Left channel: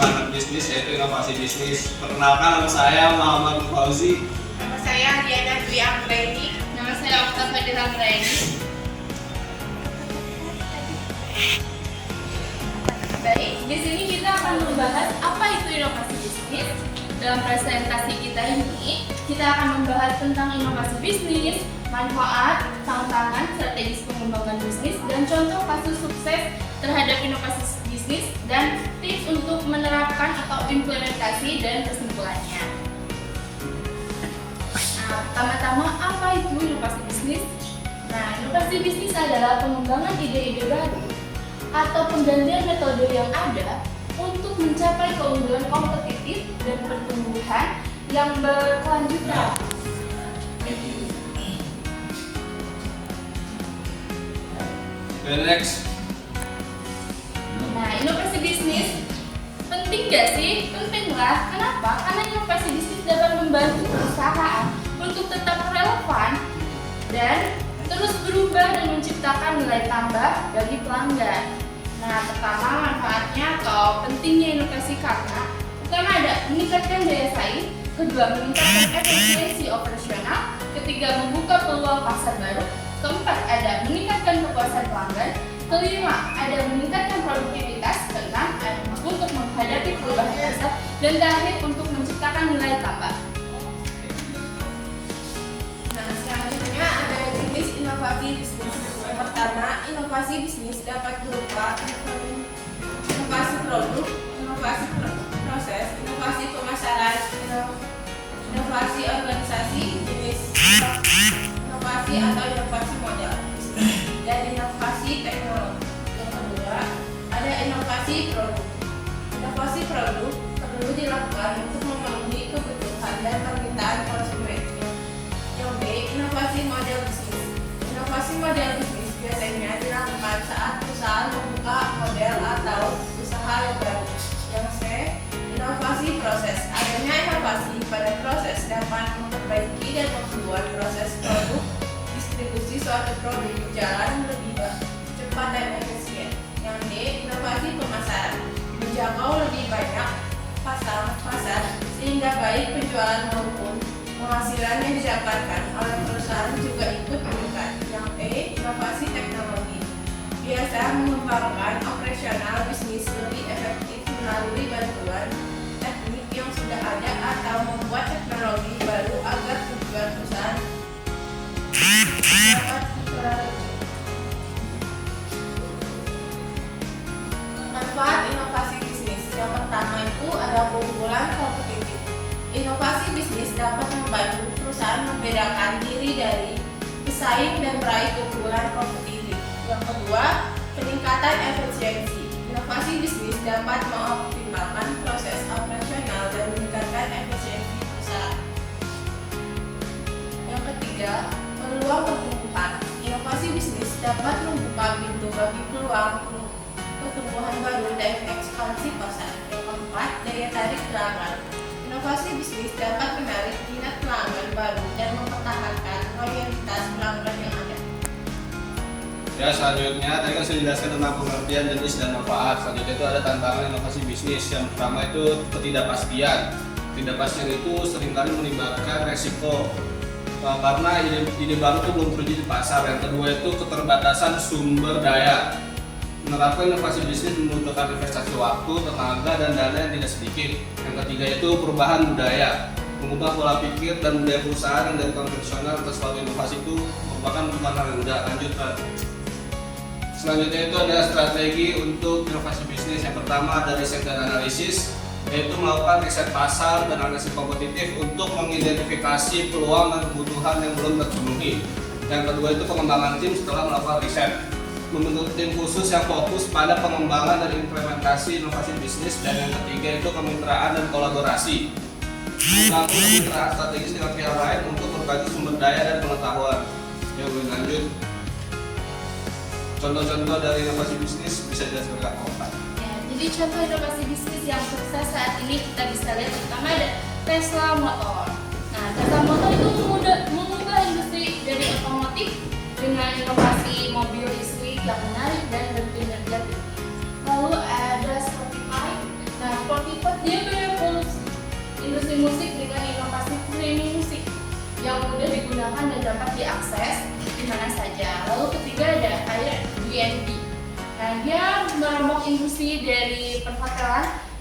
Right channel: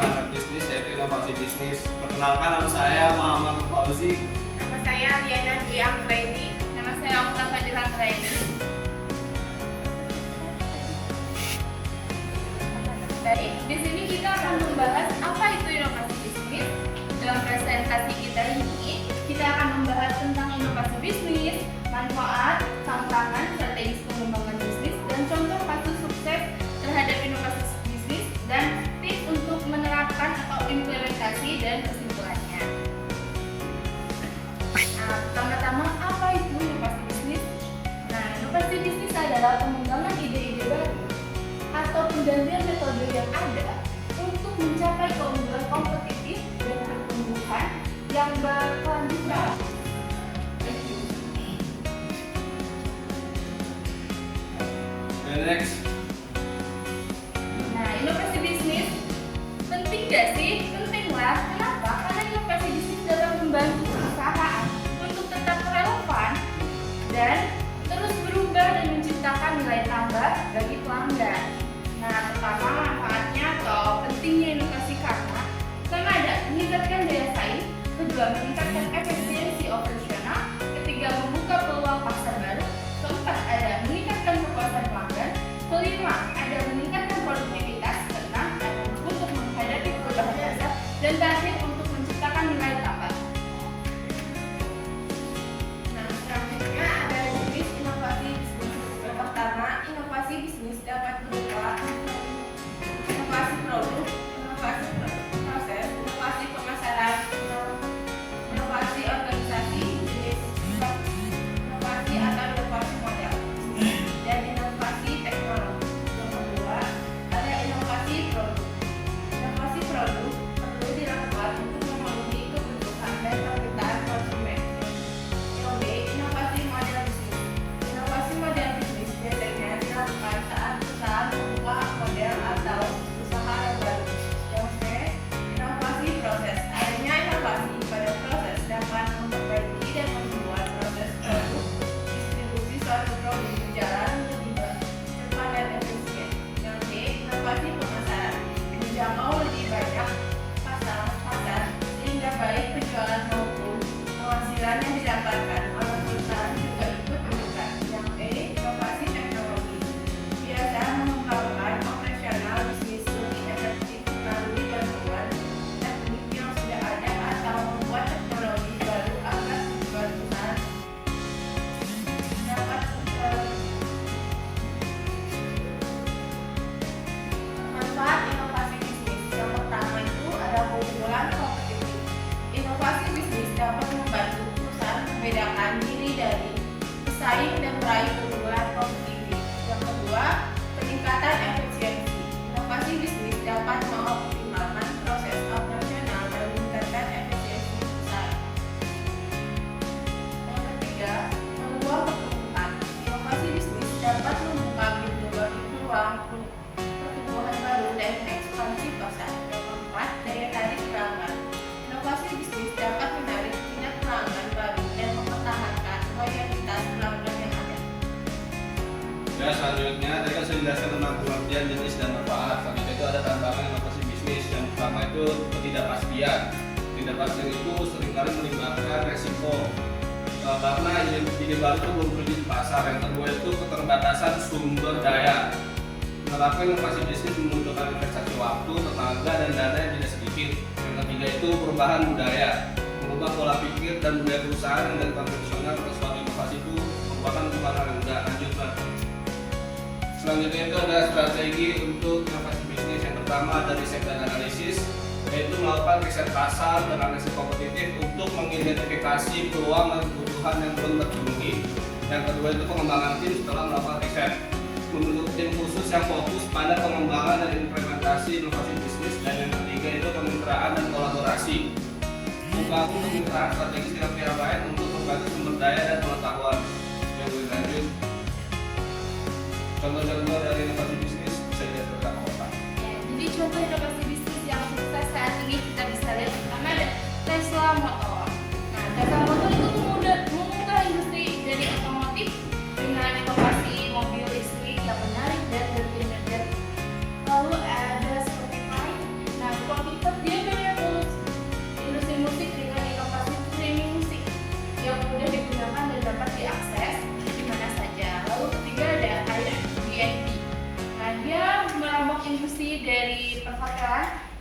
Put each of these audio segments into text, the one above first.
anak bisnis yaitu inovasi bisnis. Perkenalkan, nama saya Muhammad Fauzi. Nama saya Diana Dwi Anggraini. Nama saya Okta Fadil Anggraini. Baik, di sini kita akan membahas apa itu inovasi bisnis. Dalam presentasi kita ini, kita akan membahas tentang inovasi bisnis, manfaat, tantangan, strategis pengembangan bisnis, dan contoh kasus sukses terhadap inovasi bisnis, dan tips untuk menerapkan atau implementasi dan kesimpulannya. Nah, pertama-tama apa itu inovasi bisnis? Nah, inovasi bisnis adalah pengembangan ide-ide baru atau penggantian metode yang ada untuk mencapai keunggulan kompetitif dan pertumbuhan yang berkelanjutan. Next. Nah, inovasi bisnis penting gak sih? Penting lah. Kenapa? Karena inovasi bisnis dapat membantu perusahaan untuk tetap relevan dan terus berubah dan menciptakan nilai tambah bagi pelanggan. Nah, pertama manfaatnya atau pentingnya inovasi karena pertama ada meningkatkan daya saing, kedua meningkatkan efisiensi operasional, ketiga membuka peluang pasar baru, keempat ada meningkatkan kepuasan pelanggan, kelima ada meningkatkan produktivitas, keenam untuk menghadapi perubahan pasar, dan terakhir untuk menciptakan nilai tambah. Nah, selanjutnya ada jenis inovasi bisnis. Yang pertama, inovasi bisnis dapat berupa inovasi produk, inovasi proses, inovasi pemasaran, inovasi organisasi, jenis inovasi atau inovasi model bisnis, dan inovasi teknologi. Yang kedua, ada inovasi produk. Inovasi produk perlu dilakukan untuk memenuhi kebutuhan dan permintaan konsumen. Yang B, inovasi model bisnis. Inovasi model bisnis biasanya dilakukan saat perusahaan membuka model atau usaha yang baru. Yang C, inovasi proses. Adanya inovasi pada proses dapat memperbaiki dan membuat proses produk distribusi suatu produk berjalan lebih cepat dan efisien. Yang D, inovasi pemasaran. Menjangkau lebih banyak pasar sehingga baik penjualan maupun penghasilan yang didapatkan oleh perusahaan juga ikut meningkat. Yang E, inovasi teknologi. Biasa mengembangkan operasional bisnis lebih efektif melalui bantuan teknik yang sudah ada atau membuat teknologi baru agar tujuan perusahaan dapat terwujud. Manfaat inovasi bisnis. Yang pertama itu adalah keunggulan kompetitif. Inovasi bisnis dapat membantu perusahaan membedakan diri dari pesaing dan meraih keunggulan kompetitif. Yang kedua, peningkatan efisiensi. Inovasi bisnis dapat mengoptimalkan proses operasional dan meningkatkan efisiensi perusahaan. Yang ketiga, peluang pertumbuhan. Inovasi bisnis dapat membuka pintu bagi peluang pertumbuhan baru dan ekspansi pasar. Yang keempat, daya tarik pelanggan. Inovasi bisnis dapat menarik minat pelanggan baru dan mempertahankan loyalitas pelanggan yang ada. Ya, selanjutnya tadi kan sudah dijelaskan tentang pengertian jenis dan manfaat. Selanjutnya itu ada tantangan inovasi bisnis. Yang pertama itu ketidakpastian. Ketidakpastian itu seringkali menimbulkan resiko karena ide baru itu belum terwujud di pasar. Yang kedua itu keterbatasan sumber daya. Menerapkan inovasi bisnis membutuhkan investasi waktu, tenaga, dan dana yang tidak sedikit. Yang ketiga itu perubahan budaya. Mengubah pola pikir dan budaya perusahaan yang dari konvensional ke suatu inovasi itu merupakan bukan hal yang mudah. Lanjut, Pak. Selanjutnya itu ada strategi untuk inovasi bisnis. Yang pertama dari sektor analisis, yaitu melakukan riset pasar dan analisis kompetitif untuk mengidentifikasi peluang dan kebutuhan yang belum terpenuhi. Yang kedua itu pengembangan tim setelah melakukan riset, membentuk tim khusus yang fokus pada pengembangan dan implementasi inovasi bisnis. Dan yang ketiga itu kemitraan dan kolaborasi, membangun kemitraan strategis dengan pihak lain untuk berbagi sumber daya dan pengetahuan. Yang lebih lanjut, contoh-contoh dari inovasi bisnis bisa dijelaskan Pak. Jadi contoh inovasi bisnis yang sukses saat ini kita bisa lihat pertama ada Tesla Motor. Nah, Tesla Motor itu mengubah industri dari otomotif dengan inovasi mobil listrik yang menarik dan berkinerja. Lalu ada Spotify. Nah, Spotify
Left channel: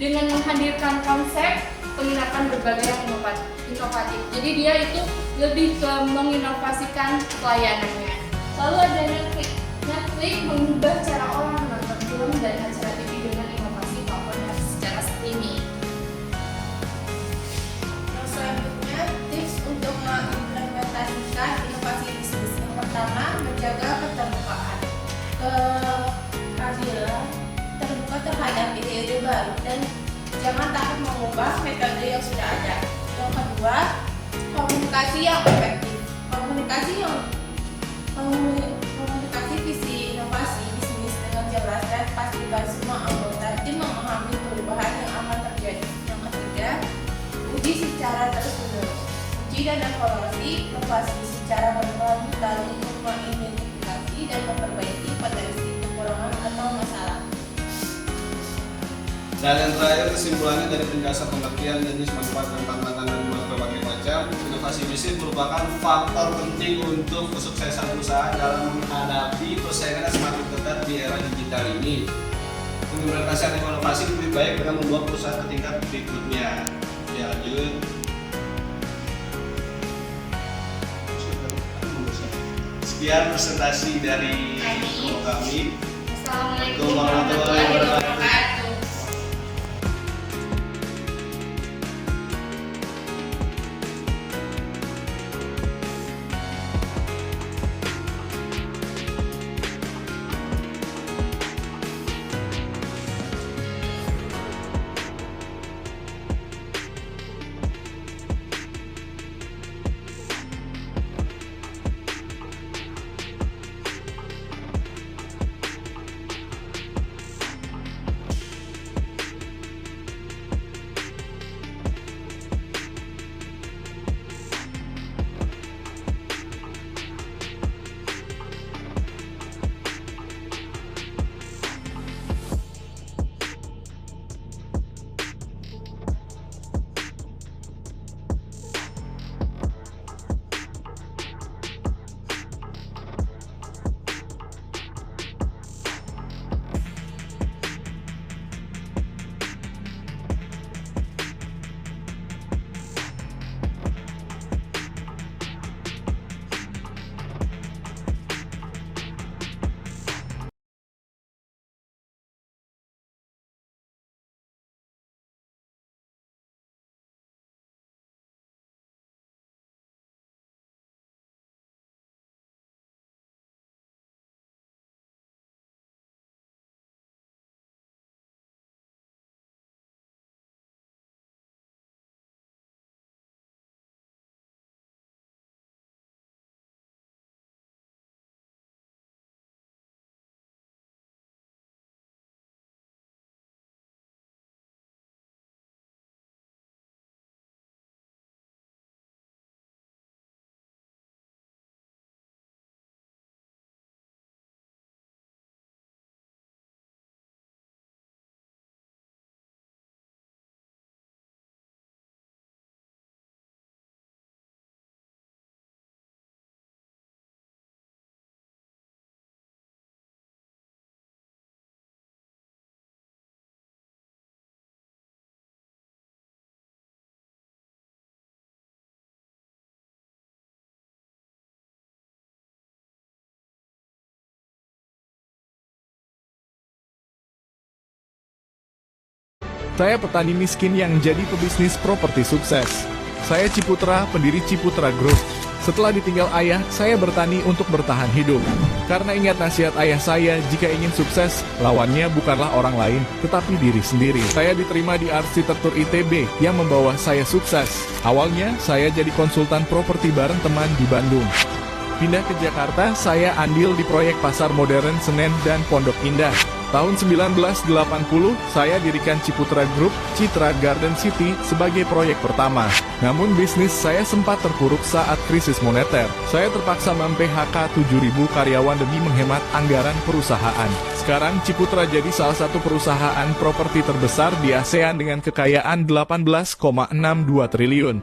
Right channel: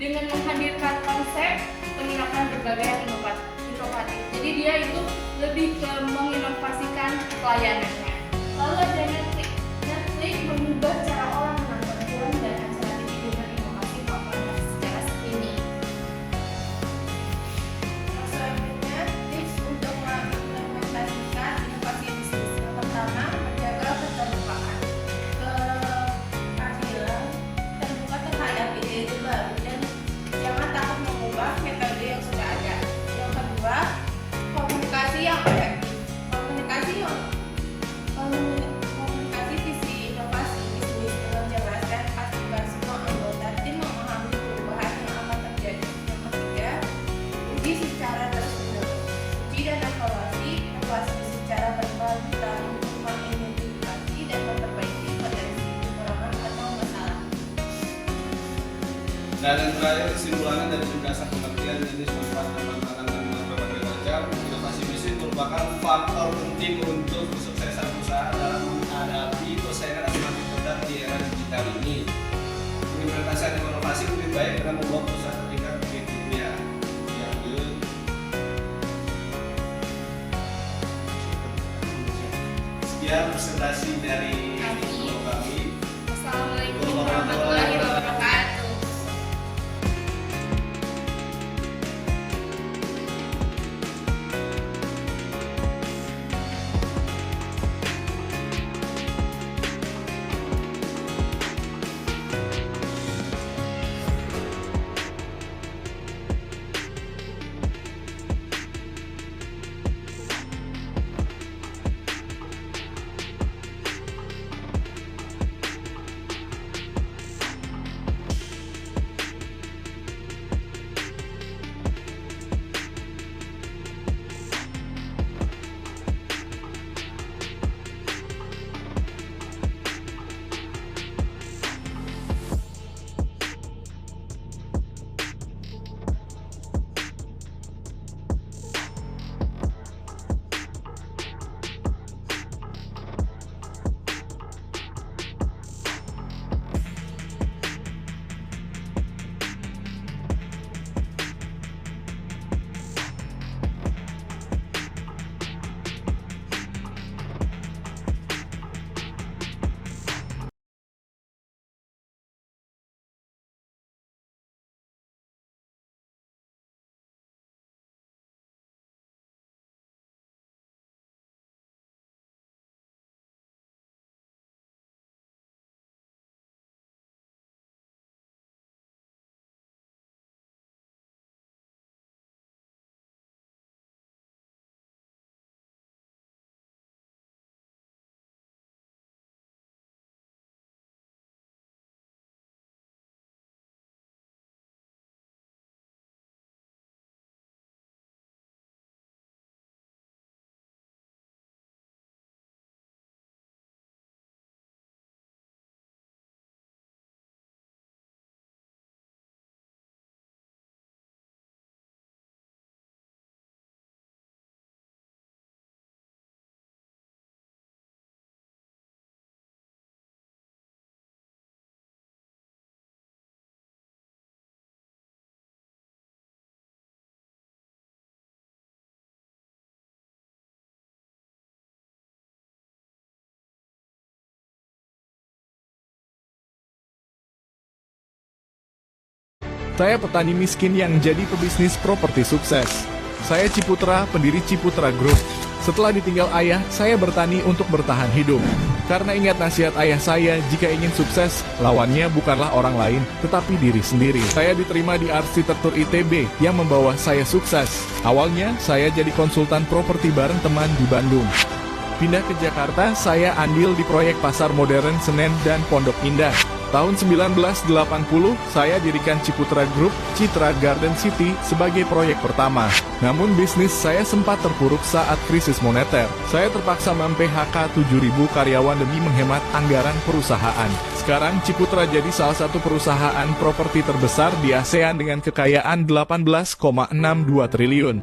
dengan menghadirkan konsep penginapan berbagai yang inovatif. Jadi dia itu lebih ke menginovasikan pelayanannya. Lalu ada Netflix mengubah cara orang menonton film dan acara TV dengan inovasi platform secara streaming. Selanjutnya, tips untuk mengimplementasikan inovasi bisnis. Yang pertama, menjaga keterbukaan. Keadilan, terbuka terhadap ide-ide baru dan jangan takut mengubah metode yang sudah ada. Yang kedua, komunikasi yang efektif. Komunikasi visi inovasi bisnis dengan jelas dan pastikan semua anggota tim memahami perubahan yang akan terjadi. Yang ketiga, uji secara terus-menerus. Uji dan evaluasi inovasi secara berkali-kali untuk mengidentifikasi dan memperbaiki potensi kekurangan atau masalah. Dan yang terakhir, kesimpulannya dari penjelasan pengertian jenis manfaat dan tantangan dan berbagai macam, inovasi bisnis merupakan faktor penting untuk kesuksesan perusahaan dalam menghadapi persaingan yang semakin ketat di era digital ini. Implementasi inovasi lebih baik dengan membawa perusahaan ke tingkat berikutnya. Ya, lanjut. Sekian presentasi dari kami. Assalamualaikum warahmatullahi wabarakatuh. Saya petani miskin yang jadi pebisnis properti sukses. Saya Ciputra, pendiri Ciputra Group. Setelah ditinggal ayah, saya bertani untuk bertahan hidup. Karena ingat nasihat ayah saya, jika ingin sukses, lawannya bukanlah orang lain, tetapi diri sendiri. Saya diterima di Arsitektur ITB yang membawa saya sukses. Awalnya, saya jadi konsultan properti bareng teman di Bandung. Pindah ke Jakarta, saya andil di proyek Pasar Modern Senen dan Pondok Indah. Tahun 1980, saya dirikan Ciputra Group, Citra Garden City sebagai proyek pertama. Namun bisnis saya sempat terpuruk saat krisis moneter. Saya terpaksa mem-PHK 7.000 karyawan demi menghemat anggaran perusahaan. Sekarang Ciputra jadi salah satu perusahaan properti terbesar di ASEAN dengan kekayaan 18,62 triliun.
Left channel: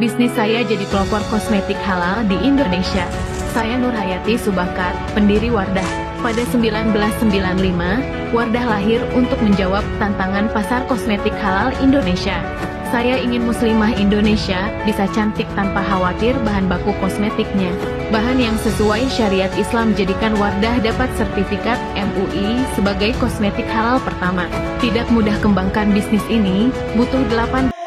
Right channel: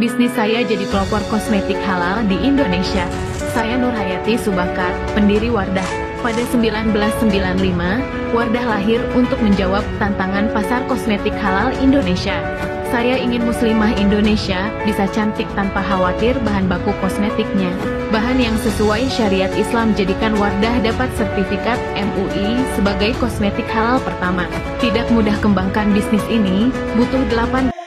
Bisnis saya jadi pelopor kosmetik halal di Indonesia. Saya Nurhayati Subakar, pendiri Wardah. Pada 1995, Wardah lahir untuk menjawab tantangan pasar kosmetik halal Indonesia. Saya ingin muslimah Indonesia bisa cantik tanpa khawatir bahan baku kosmetiknya. Bahan yang sesuai syariat Islam jadikan Wardah dapat sertifikat MUI sebagai kosmetik halal pertama. Tidak mudah kembangkan bisnis ini, butuh 8